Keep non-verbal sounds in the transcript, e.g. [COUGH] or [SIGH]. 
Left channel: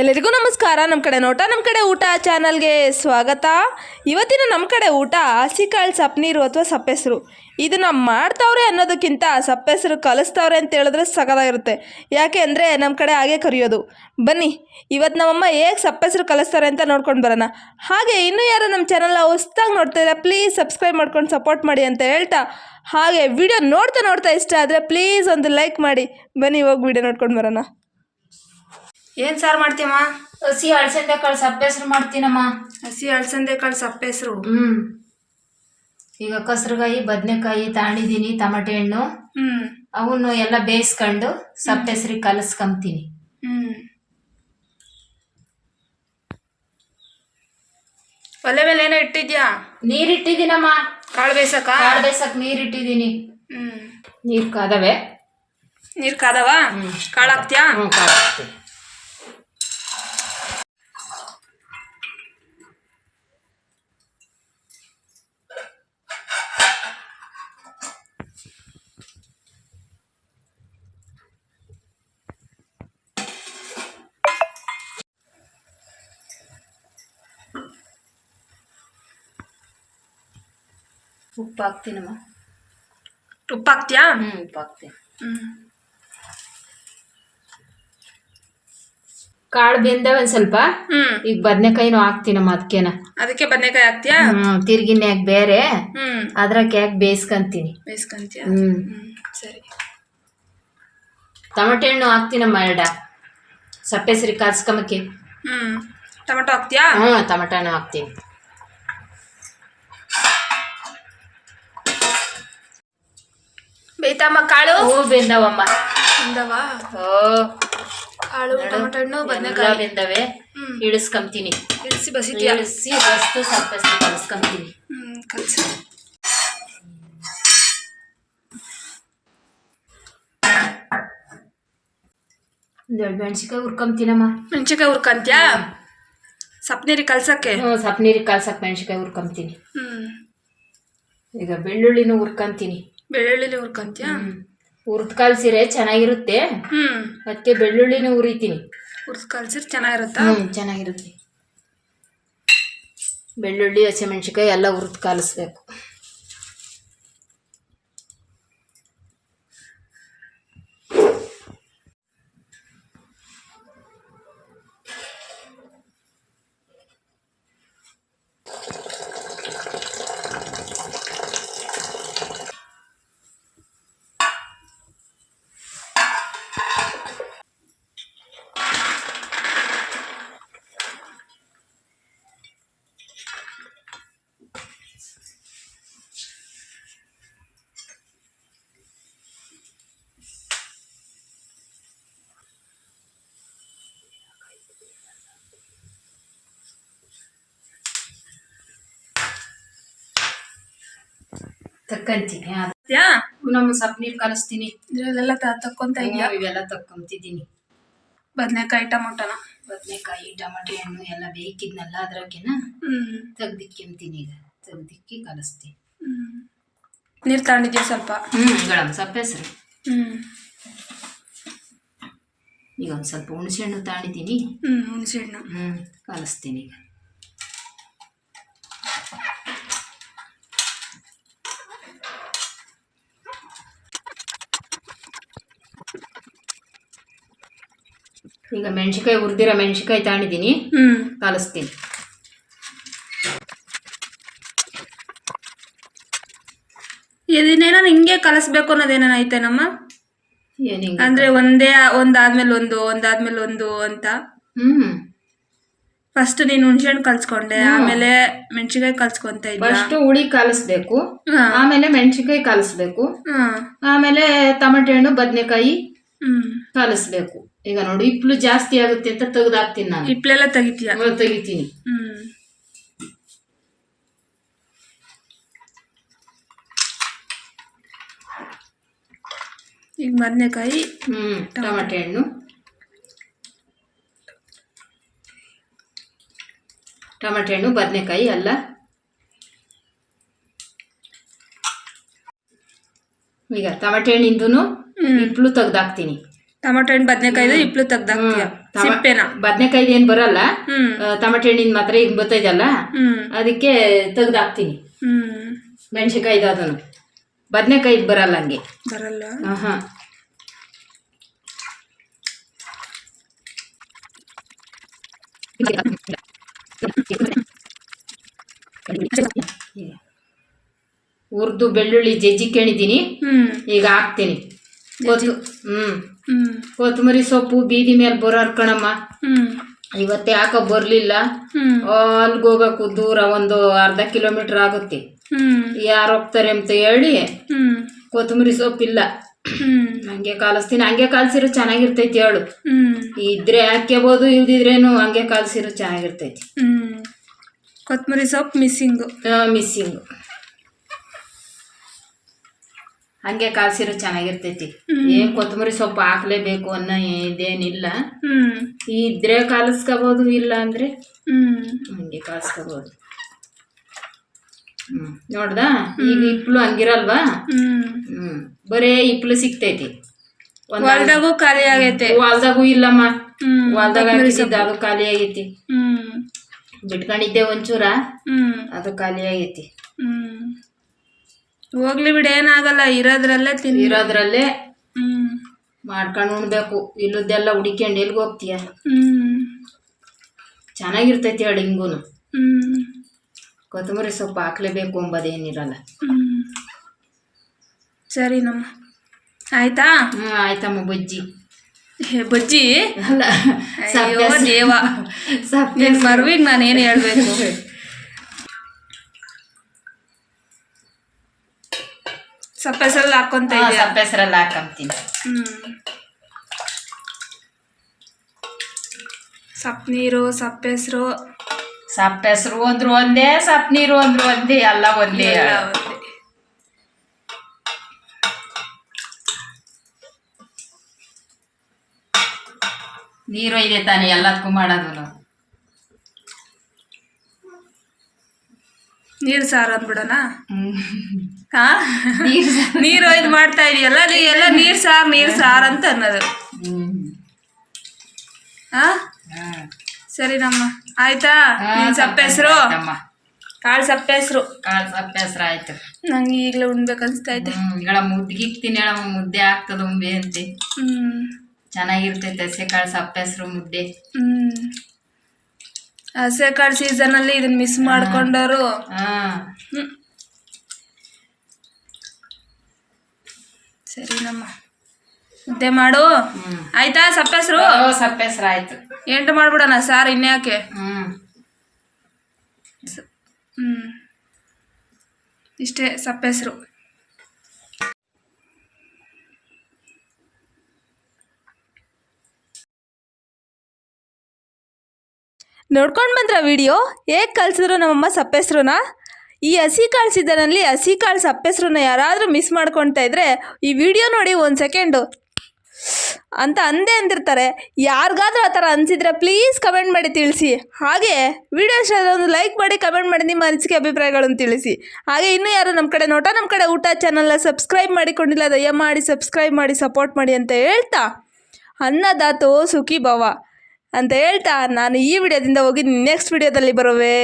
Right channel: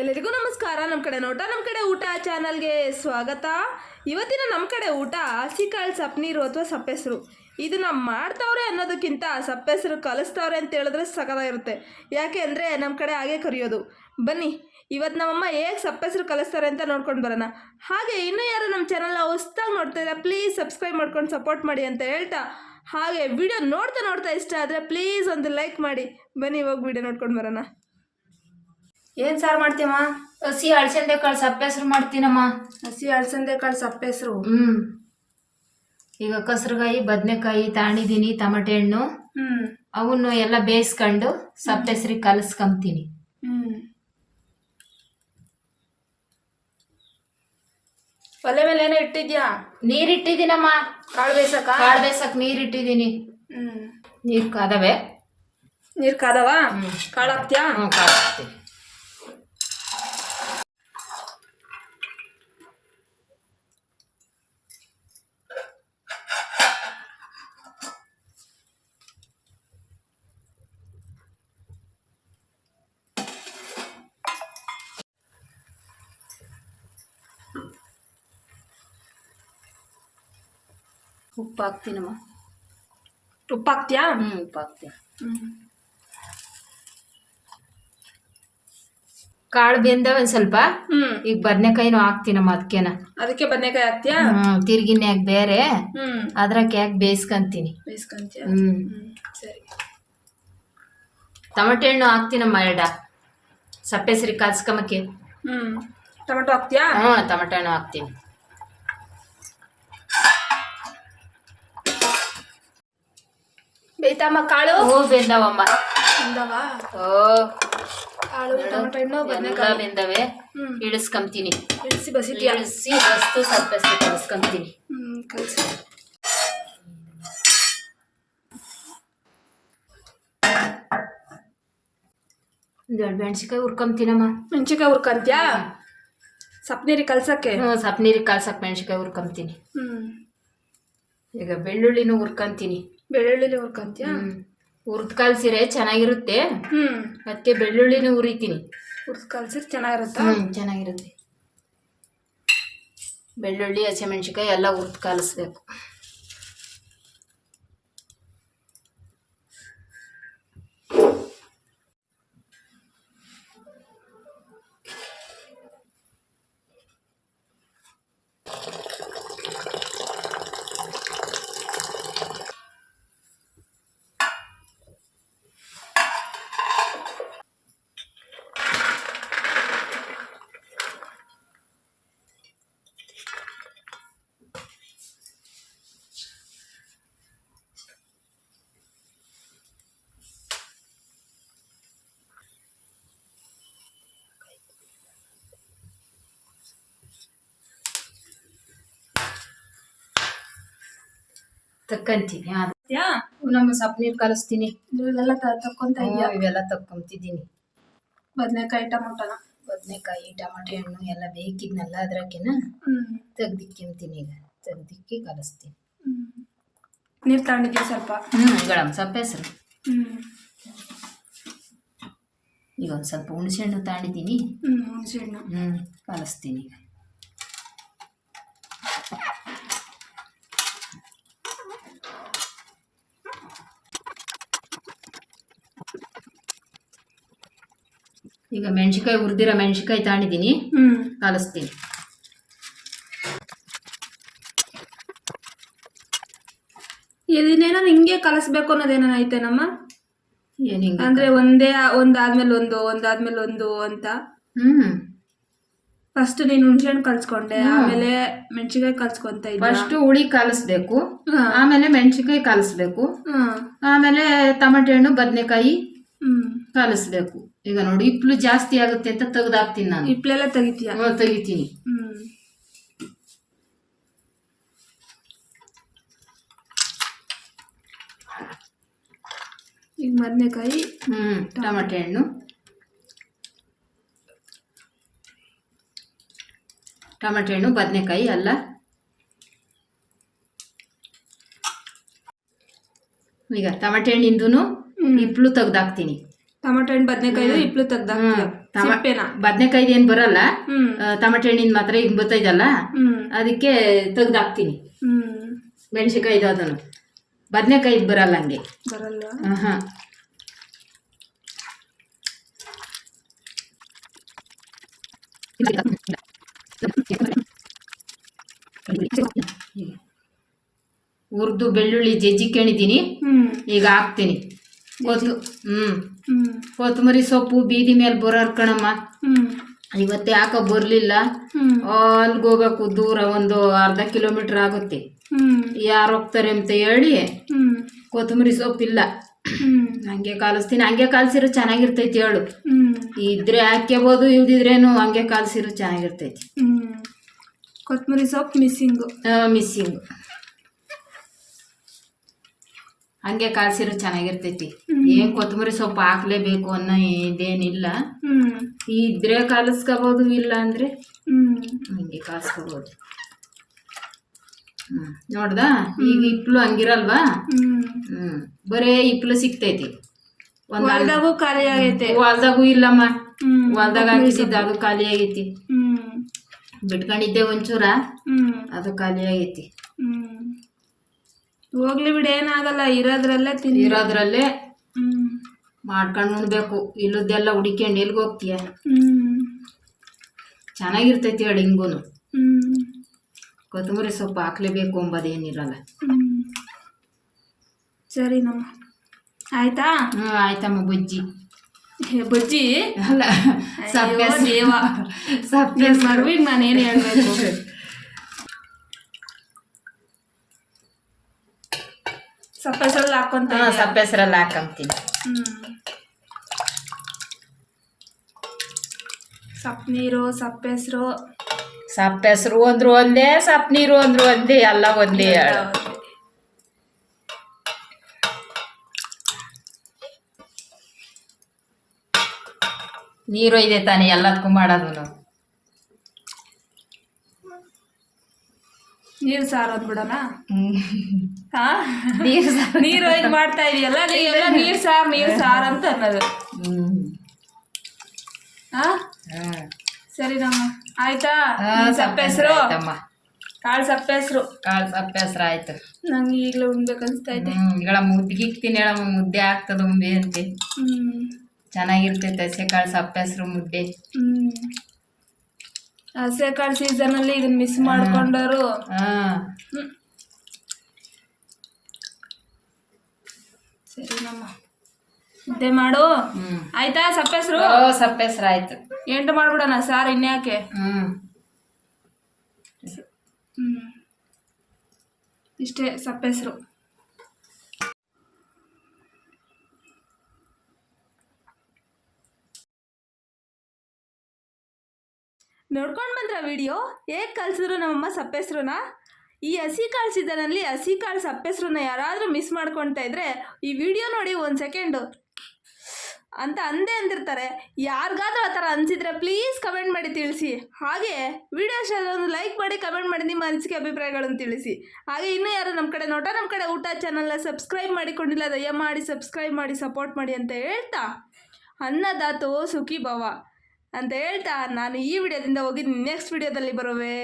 ಎಲ್ಲರಿಗೂ ನಮಸ್ಕಾರ. ನಮ್ಮ ಕಡೆ ನೋಟ ನಮ್ಮ ಕಡೆ ಊಟ ಚಾನಲ್ಗೆ ಸ್ವಾಗತ. ಇವತ್ತಿನ ನಮ್ಮ ಕಡೆ ಊಟ ಹಸಿಕಾಳು ಸಪ್ಪನೀರು ಅಥವಾ ಸಪ್ಪೆಸರು. ಇದನ್ನ ಮಾಡ್ತಾವ್ರೆ ಅನ್ನೋದಕ್ಕಿಂತ ಸಪ್ಪೆಸರು ಕಲಿಸ್ತವ್ರೆ ಅಂತ ಹೇಳಿದ್ರೆ ಸಗದಾಗಿರುತ್ತೆ ಯಾಕೆ ಅಂದರೆ ನಮ್ಮ ಕಡೆ ಹಾಗೆ ಕರಿಯೋದು. ಬನ್ನಿ ಇವತ್ತು ನಮ್ಮಮ್ಮ ಹೇಗೆ ಸಪ್ಪೆಸರು ಕಲಿಸ್ತಾರೆ ಅಂತ ನೋಡ್ಕೊಂಡು ಬರೋಣ. ಹಾಗೆ ಇನ್ನೂ ಯಾರು ನಮ್ಮ ಚಾನಲ್ನ ಹೊಸ್ದಾಗಿ ನೋಡ್ತಾಯಿದ್ರೆ ಪ್ಲೀಸ್ ಸಬ್ಸ್ಕ್ರೈಬ್ ಮಾಡ್ಕೊಂಡು ಸಪೋರ್ಟ್ ಮಾಡಿ ಅಂತ ಹೇಳ್ತಾ. ಹಾಗೆ ವಿಡಿಯೋ ನೋಡ್ತಾ ನೋಡ್ತಾ ಇಷ್ಟ ಆದರೆ ಪ್ಲೀಸ್ ಒಂದು ಲೈಕ್ ಮಾಡಿ. ಬನ್ನಿ, ಹೋಗಿ ವಿಡಿಯೋ ನೋಡ್ಕೊಂಡು ಬರೋಣ. ಏನು ಸಾರು ಮಾಡ್ತೀಯಮ್ಮ? ಹಸಿ ಅಳಸಂದೆ ಕಾಳು ಸಪ್ಪೆ ಹೆಸರು ಮಾಡ್ತೀನಮ್ಮ. ಹಸಿ ಅಳಸಂದೆ ಕಾಳು ಸಪ್ಪೆ ಹೆಸರು ಹ್ಮ್. ಈಗ ಕಸರುಗಾಯಿ ಬದನೆಕಾಯಿ ತಾಂಡಿದ್ದೀನಿ ತಮಟೆ ಹಣ್ಣು ಹ್ಮ್. ಅವನ್ನು ಎಲ್ಲ ಬೇಯಿಸ್ಕೊಂಡು ಸಪ್ಪೆ ಹೆಸರಿಗೆ ಕಲಸ್ಕೊಂತೀನಿ ಹ್ಮ್. ಒಲೆ ಮೇಲೆ ಏನೋ ಇಟ್ಟಿದ್ಯಾ? ನೀರಿಟ್ಟಿದ್ದೀನಮ್ಮ. ಕಾಳು ಬೇಯಿಸಕ ಕಾಳು ಬೇಯಿಸಕ್ಕೆ ನೀರಿಟ್ಟಿದ್ದೀನಿ. ಹ್ಮ್. ನೀರು ಕಾದವೆ? ನೀರು ಕಾದವ? ಹ್ಮ್. ಕಾಳು ಹಾಕ್ತೀಯಾ ಹ್ಞೂ ಕಾಳು ಹಾಕ್ತೀನಿ. ಉಪ್ಪು ಹಾಕ್ತೀನಮ್ಮ ಉಪ್ಪು ಹಾಕ್ತೀಯಾ ಹ್ಞೂ ಉಪ್ಪು ಹಾಕ್ತೀನಿ ಹ್ಮ್. ಕಾಳು ಬೆಂದ ಒಂದ್ ಸ್ವಲ್ಪ? ಹ್ಮ್. ಈಗ ಬದನೆಕಾಯಿನೂ ಹಾಕ್ತೀನಮ್ಮ ಅದಕ್ಕೇನ ಅದಕ್ಕೆ ಬದನೆಕಾಯಿ ಹಾಕ್ತೀಯ? ಹ್ಮ್ ತಿರ್ಗಿನ್ಯಾಗ ಬೇರೆ. ಹ್ಮ್. ಅದ್ರಾಗ ಯಾಕೆ ಬೇಯಿಸ್ಕೊಂತೀನಿ? ಬೇಯಿಸ್ಕೊಂತ್ಯಾ? ಹ್ಮ್. ಹ್ಮ್ ಸರಿ. ಟೊಮೆಟೊ ಹಣ್ಣು ಹಾಕ್ತೀನಮ್ಮ ಎರಡ. ಸಪ್ಪೆ ಸರಿ ಕಾಸ್ಕೊಂಬಕ್ಕೆ ಹ್ಮ್. ಟೊಮೆಟೊ ಹಾಕ್ತ್ಯಾ? ಹ್ಞೂ ಟೊಮೆಟೊ ಹಣ್ಣು ಹಾಕ್ತೀನಿ. ಬೇಯ್ತಮ್ಮ ಕಾಳು? ಹೂ ಬೆಂದವಮ್ಮ. ಬಂದವ? ಓ ಕಾಳು ಟೊಮೆಟೊ ಹಣ್ಣು ಬದನೆಕಾಯಿ. ಬೆಂದವೆ. ಇಳಿಸ್ಕೊಂತೀನಿ ಇಳಿಸಿ ಬಸಿತಿ ಇಳಿಸಿ ಸಪ್ಪೆ ಸರಿ ಕಲಿಸ್ಕೊಂತೀನಿ ಹ್ಞೂ ಕಲಿಸಿ. ಒಂದೆರಡು ಮೆಣಸಿಕಾಯಿ ಹುರ್ಕೊಂತೀನಮ್ಮ ಮೆಣಸಿನ್ಕಾಯಿ ಹುರ್ಕಂತ್ಯಾ? ಸಪ್ನೀರಿ ಕಲ್ಸಕ್ಕೆ? ಹ್ಞೂ ಸಪ್ ಕಲ್ಸಕ್ಕೆ ಮೆಣಸಿಕಾಯಿ ಹುರ್ಕೊಂತೀನಿ ಹ್ಮ್. ಈಗ ಬೆಳ್ಳುಳ್ಳಿನೂ ಹುರ್ಕೊಂತೀನಿ. ಬೆಳ್ಳುಳ್ಳಿಲಿ ಹುರ್ಕಂತ್ಯಾ? ಹುರ್ದ್ ಕಲ್ಸಿರೆ ಚೆನ್ನಾಗಿರುತ್ತೆ. ಹ್ಮ್. ಅದಕ್ಕೆ ಬೆಳ್ಳುಳ್ಳಿನ ಹುರಿತೀನಿ. ಹುರ್ದ್ ಕಲ್ಸಿರ್ ಚೆನ್ನಾಗಿರುತ್ತಾ? ಚೆನ್ನಾಗಿರುತ್ತೆ. ಬೆಳ್ಳುಳ್ಳಿ ಹಸಿಮೆಣ್ಸಿಕಾಯಿ ಎಲ್ಲ ಹುರಿದು ಕಲಿಸ್ಬೇಕು ತಕ್ಕಂತೀನಿ. ನಮ್ಮ ಸಪ್ ನೀರು ಕಲಿಸ್ತೀನಿ. ಇದ್ರಲ್ಲೆಲ್ಲ ತಕ್ಕೊಂತ ಇದ್ಯಾ? ಇವೆಲ್ಲ ತಕ್ಕೊಂತಿದ್ದೀನಿ. ಬದನೆಕಾಯಿ ಟೊಮೊಟೊನ? ಬದನೆಕಾಯಿ ಟಮಾಟೆ ಹಣ್ಣು ಎಲ್ಲ ಬೇಕಿದ್ನಲ್ಲ ಅದ್ರಾಗೆನ ತೆಗ್ದಿಕ್ಕಿಂತೀನಿ ಈಗ. ತೆಗ್ದಿಕ್ಕಿ ಕಲಿಸ್ತೀನಿ. ನೀರು ತಗೊಂಡಿದ್ಯಾ ಸ್ವಲ್ಪ? ಹ್ಞೂ ಸಪ್ಪೆ ಹೆಸರು. ಹ್ಮ್. ಈಗ ಒಂದು ಸ್ವಲ್ಪ ಹುಣಸೆಹಣ್ಣು ತಗೊಂಡಿದ್ದೀನಿ. ಹ್ಮ್ ಹುಣಸೆಹಣ್ಣು. ಹ್ಞೂ ಕಲಿಸ್ತೀನಿ ಈಗ. ಈಗ ಮೆಣಸಿಕಾಯಿ ಹುರಿದಿರೋ ಮೆಣಸಿಕಾಯಿ ತಾಣಿದ್ದೀನಿ ಹ್ಮ್. ಕಲಿಸ್ತೀನಿ. ಇದನ್ನೇನ ಹಿಂಗೆ ಕಲಿಸ್ಬೇಕು ಅನ್ನೋದೇನ ಐತೆನಮ್ಮ? ಅಂದ್ರೆ ಒಂದೇ ಒಂದಾದ್ಮೇಲೆ ಒಂದು ಒಂದಾದ್ಮೇಲೆ ಒಂದು ಅಂತ. ಹ್ಮ್. ಫಸ್ಟ್ ನೀನು ಹುಣಸೆಹಣ್ಣು ಕಲ್ಸ್ಕೊಂಡೆ ಆಮೇಲೆ ಮೆಣಸಿನ್ಕಾಯಿ ಕಲ್ಸ್ಕೊಂತ ಫಸ್ಟ್ ಫಸ್ಟು ಹುಳಿ ಕಲಿಸ್ಬೇಕು ಆಮೇಲೆ ಮೆಣಸಿಕಾಯಿ ಕಲಿಸ್ಬೇಕು ಆಮೇಲೆ ಟಮಟೆ ಹಣ್ಣು ಬದನೆಕಾಯಿ. ಹ್ಮ್. ಕಲಿಸ್ಬೇಕು ಈಗ ನೋಡಿ ಇಪ್ಲು ಜಾಸ್ತಿ ಆಗುತ್ತೆ ಅಂತ ತೆಗ್ದಾಕ್ತೀನಿ ನಾನು. ಹಿಪ್ಲೆಲ್ಲ ತೆಗಿತೀಯ? ಹ್ಮ್, ತೆಗಿತೀನಿ. ಹ್ಮ್. ಈಗ ಬದನೆಕಾಯಿ ಹ್ಮ್ ಟಮಾಟೆ ಹಣ್ಣು. ಟಮಾಟೆ ಹಣ್ಣು ಬದನೆಕಾಯಿ ಅಲ್ಲ. ಈಗ ಟಮಾಟೆ ಹಣ್ಣಿಂದು ಹ್ಮ್. ಇಪ್ಲು ತೆಗ್ದಾಕ್ತೀನಿ. ಟೊಮಟೊ ಹಣ್ಣು ಬದನೆಕಾಯಿ ಇಪ್ಲು ತೆಗ್ದಾಕ್ತೀಯ. ಸಿಪ್ಪೆನ. ಬದನೆಕಾಯ್ದು ಏನು ಬರಲ್ಲ. ಟೊಮೆಟೊ ಹಣ್ಣಿನ ಮಾತ್ರ ಈಗ ಬರ್ತೈತಲ್ಲ ಅದಕ್ಕೆ ತೆಗ್ದಾಕ್ತೀನಿ. ಹ್ಮ್. ಮೆಣಸಿನ್ಕಾಯ್ದು ಅದನ್ನು. ಬದನೆಕಾಯಿ ಬರಲ್ಲ ಹಂಗೆ. ಬರಲ್ಲ. ಹಾಂ ಹುರಿದು ಬೆಳ್ಳುಳ್ಳಿ ಜಜ್ಜಿ ಕೇಳಿದ್ದೀನಿ. ಈಗ ಹಾಕ್ತೀನಿ. ಹ್ಞೂ ಕೊತ್ತಂಬರಿ ಸೊಪ್ಪು ಬೀದಿ ಮೇಲೆ ಬರೋರ್ ಕಣಮ್ಮ. ಇವತ್ತು ಯಾಕೋ ಬರಲಿಲ್ಲ. ಅಲ್ಲಿಗೆ ಹೋಗ್ಬೇಕು ದೂರ ಒಂದು ಅರ್ಧ ಕಿಲೋಮೀಟರ್ ಆಗುತ್ತೆ. ಯಾರು ಹೋಗ್ತಾರೆ ಅಂತ ಹೇಳಿ ಕೊತ್ತಂಬರಿ ಸೊಪ್ಪಿಲ್ಲ. ಹಾಗೆ ಹಂಗೆ ಕಾಲಿಸ್ತೀನಿ. ಹಂಗೆ ಕಾಲ್ಸಿರೋ ಚೆನ್ನಾಗಿರ್ತೈತಿ ಹೇಳು. ಇದ್ರೆ ಹಾಕ್ಯಬೋದು ಇಲ್ದಿದ್ರೇನು ಹಂಗೆ ಕಾಲ್ಸಿರೋ ಚೆನ್ನಾಗಿರ್ತೈತಿ. ಕೊತ್ತಂಬರಿ ಸೊಪ್ಪು ಮಿಸ್ಸಿಂಗು. ಮಿಸ್ಸಿಂಗ್. ಹಂಗೆ ಕಾಲ್ಸಿರೋ ಚೆನ್ನಾಗಿರ್ತೈತಿ. ಏನ್ ಕೊತ್ತಂಬರಿ ಸೊಪ್ಪು ಹಾಕ್ಲೇಬೇಕು ಅನ್ನೋ ಇದೇನಿಲ್ಲ. ಇದ್ರೆ ಕಾಲಿಸ್ಕೋಬಹುದು ಇಲ್ಲ ಅಂದ್ರೆ ಹ್ಮ್. ಹಂಗೆ ಕಾಲಿಸ್ಕೋಬಹುದು ಹ್ಮ್. ನೋಡ್ದಾ? ಈಗ ಇಪ್ಲು ಹಂಗಿರಲ್ವಾ? ಹ್ಮ್. ಬರೇ ಇಪ್ಲು ಸಿಕ್ತೈತಿ ಒಂದ್ ಹೊಲ್ದಾಗೂ ಖಾಲಿ ಆಗೈತೆ. ಹೊಲ್ದಾಗೂ ಇಲ್ಲಮ್ಮ. ಹೊಲ್ದಾಗ ಅದು ಖಾಲಿ ಆಗೈತಿ. ಹ್ಮ್. ಬಿಟ್ಕೊಂಡಿದ್ದೆ ಒಂಚೂರ. ಹ್ಮ್. ಅದು ಖಾಲಿ ಆಗೈತಿ. ಹ್ಮ್. ಹೋಗ್ಲಿ ಬಿಡ ಏನಾಗಲ್ಲ ಇರೋದ್ರಲ್ಲೇ ತಿನ್ನಿ. ಇರೋದ್ರಲ್ಲೇ ಹ್ಮ್. ಮಾಡ್ಕೊಂಡು ಉಣ್ಬೇಕು. ಇಲ್ಲದೆಲ್ಲ ಹುಡಿಕೊಂಡು ಎಲ್ಲಿಗೆ ಹೋಗ್ತೀಯ? ಹ್ಮ್. ಚೆನ್ನಾಗಿರ್ತೈತಿ ಹೇಳಿ ಹಿಂಗೂ ಹ್ಮ್. ಕೊತ್ತಂಬರಿ ಸೊಪ್ಪು ಹಾಕ್ಲೇಬೇಕು ಅಂಬದೇನಿರಲ್ಲ. ಹ್ಮ್. ಸರಿ ನಮ್ಮ. ಆಯ್ತಾ? ಹ್ಞೂ ಆಯ್ತಮ್ಮ ಬಜ್ಜಿ. ಹೇ, ಬಜ್ಜಿ? ಅಲ್ಲ ಅಯ್ಯೋ ದೇವ. ಸಪ್ಪೆ ಮರುವಿಗೆ ನಾನೇನು ನಾನು ಏನು ಹೇಳ್ಬೇಕು? [LAUGHS] ಸಪ್ಪೆಸಲ್ಲಿ ಹಾಕೊಂತ ಇದೆಯಾ ಸಪ್ಪೆ ಹೆಸರಲ್ಲಿ ಹಾಕಂತೀನಿ ಸಪ್ ನೀರು ಸಪ್ಪೆಸ್ರು ಸಪ್ಪೆ ಹೆಸರು ಅಂದ್ರು ಒಂದೇ ಸಪ್ ನೀರು ಅಂದ್ರು ಒಂದೇ ಎಲ್ಲ ಒಂದೇ ನೀರು ಇದೆ ತಾನೆ ಎಲ್ಲದಕ್ಕೂ ಮಾಡೋದು. ನಾವು ನೀರ್ ಸಾರು ಅಂದ್ಬಿಡೋಣ? ನೀರ್ ಹಾ ನೀರು ನೀರು ಇದು ಮಾಡ್ತಾ ಇದೀಯಲ್ಲ ನೀ ಎಲ್ಲ ನೀರ್ ಸಾರ್ ನೀರ್ ಸಾರ್ ಅಂತ ಅನ್ನೋದು. ಹಾ ಹಾ. ಸರಿ ನಮ್ಮ ಆಯ್ತಾ ನಿನ್ ಸಪ್ಪೆ ಹೆಸರು. ಕಾಳು ಸಪ್ಪೆ ಹೆಸರು ಕಾಳು ಸಪ್ಪೆ ಹೆಸರು ಆಯ್ತು. ನಂಗೆ ಈಗಲೇ ಉಣ್ಬೇಕು ಅನ್ಸ್ತಾ ಐತೆ ಮುದ್ದಿಗಿಕ್ತೀನಿ ಹೇಳಮ್ಮ ಮುದ್ದೆ ಆಗ್ತದ ಉಂಬೆ ಅಂತೆ. ಹ್ಮ್. ಚೆನ್ನಾಗಿರ್ತೈತೆ ಹಸೆ ಕಾಳು ಸಪ್ಪೆ ಹೆಸರು ಮುದ್ದೆ. ಹ್ಮ್. ಹಸೆ ಕಾಳು ಸೀಸನ್ ಅಲ್ಲಿ ಇದನ್ನ ಮಿಸ್ ಮಾಡ್ಕೊಂಡವರು. ಹ್ಮ್. ಸರಿ ನಮ್ಮ ಮುದ್ದೆ ಮಾಡು. ಆಯ್ತಾ ಸಪ್ಪೆಸ್ರು? ಹೆಸರು ಓ, ಸಪ್ಪೆ ಹೆಸರು ಆಯ್ತು. ಎಂಟು ಮಾಡ್ಬಿಡೋಣ ಸಾರ್ ಇನ್ಯಾಕೆ? ಹ್ಮ್. ಹ್ಮ್. ಇಷ್ಟೇ ಸಪ್ಪೆ ನೋಡ್ಕೊಂಡು ಬಂದ್ರ ವಿಡಿಯೋ? ಹೇಗೆ ಕಲಿಸಿದ್ರು ನಮ್ಮಮ್ಮ ಸಪ್ಪೆಸ್ರನ್ನ ಈ ಹಸಿ ಕಾಳು ಸೀಸನಲ್ಲಿ ಹಸಿ ಕಾಳು ಸಪ್ಪೆಸ್ರನ್ನ ಯಾರಾದರೂ ಮಿಸ್ ಮಾಡ್ಕೊಳ್ತಾ ಇದ್ದರೆ ಈ ವಿಡಿಯೋ ನೋಡಿ ಒಂದು ಸೆಕೆಂಡು ಅಂತ ಅಂದೇ ಅಂದಿರ್ತಾರೆ. ಯಾರಿಗಾದ್ರೂ ಆ ಥರ ಅನಿಸಿದ್ರೆ ಪ್ಲೀಸ್ ಕಮೆಂಟ್ ಮಾಡಿ ತಿಳಿಸಿ. ಹಾಗೆ ವಿಡಿಯೋ ಇಷ್ಟ ಒಂದು ಲೈಕ್ ಮಾಡಿ ಕಮೆಂಟ್ ಮಾಡಿ ನಿಮ್ಮ ಅನಿಸಿಕೆ ಅಭಿಪ್ರಾಯಗಳನ್ನು ತಿಳಿಸಿ. ಹಾಗೆ ಇನ್ನೂ ಯಾರು ನಮ್ಮ ಕಡೆ ನೋಟ ನಮ್ಮ ಕಡೆ ಊಟ ಚಾನಲ್ನ ಸಬ್ಸ್ಕ್ರೈಬ್ ಮಾಡಿಕೊಂಡಿಲ್ಲ, ದಯಮಾಡಿ ಸಬ್ಸ್ಕ್ರೈಬ್ ಮಾಡಿ ಸಪೋರ್ಟ್ ಮಾಡಿ ಅಂತ ಹೇಳ್ತಾ ಅನ್ನದಾತೋ ಸುಖಿ ಭವ ಅಂತ ಹೇಳ್ತಾ ನಾನು ಈ ವಿಡಿಯೋದಿಂದ ಹೋಗಿ ನೆಕ್ಸ್ಟ್ ವಿಡಿಯೋದಲ್ಲಿ ಬರುವೆ.